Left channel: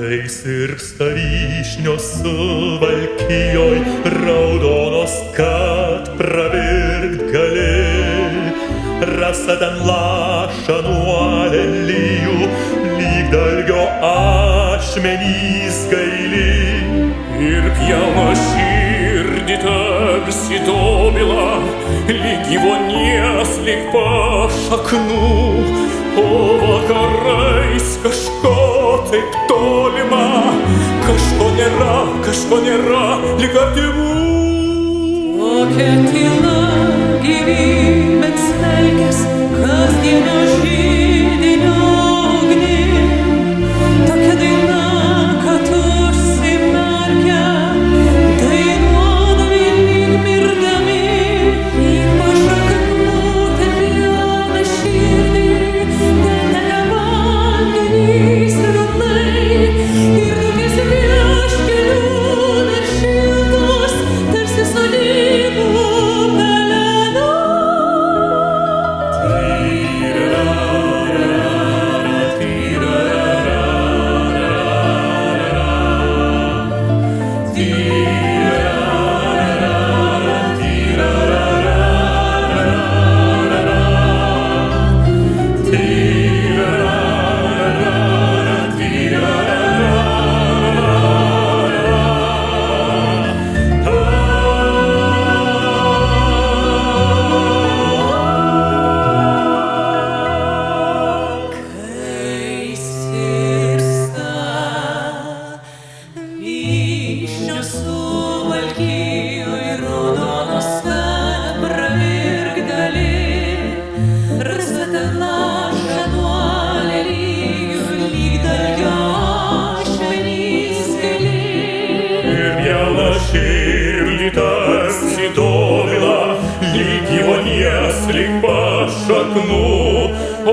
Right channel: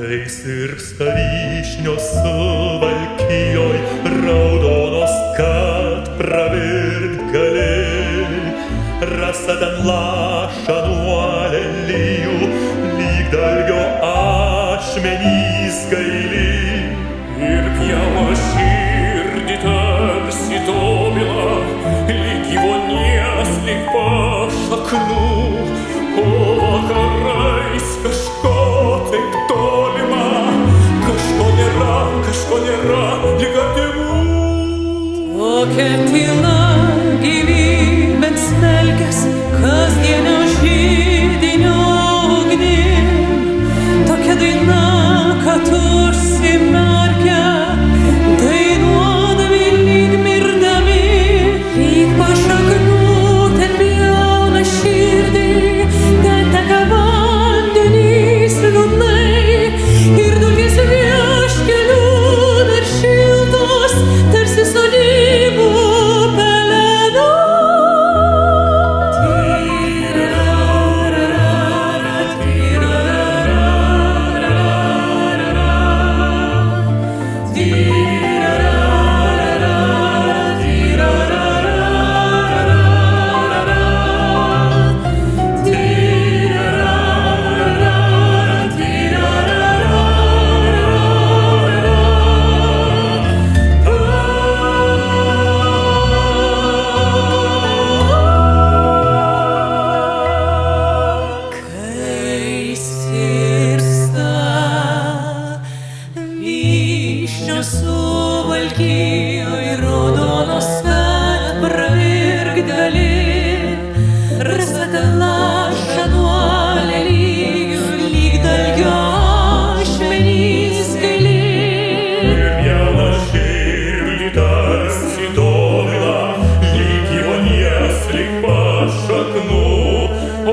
Kai sirpsta vyšnios Suvalkijoj, raudonos, kad pravirkt gali, rasa ten laša nuo lelijų, lyg dalgio ašmenys gaili. Ir pjauna širdį tarsi dobila, lyg gyvonies, lyg pašaknų, o vakarais kažko taip tolima, kažko nėra, lyg artimų. Tokia tyla gyvybės smelkės, kasdienio židinio ugnim, tokia daina, kad užsimerkia, dainuodami lyg mirdami, lyg pašaknų ten pjauna širdį, ten teka vandenys liūdnai ir dulkės vieškelių dar šiltos, tarsi sodybų pelena. Suvalkijoj raudonos, kad pravirkt gali, rasa ten laša nuo lelijų, lyg dalgio ašmenys gaili. Ir pjauna širdį tarsi dobila, lyg gyvonies, lyg pašaknų, o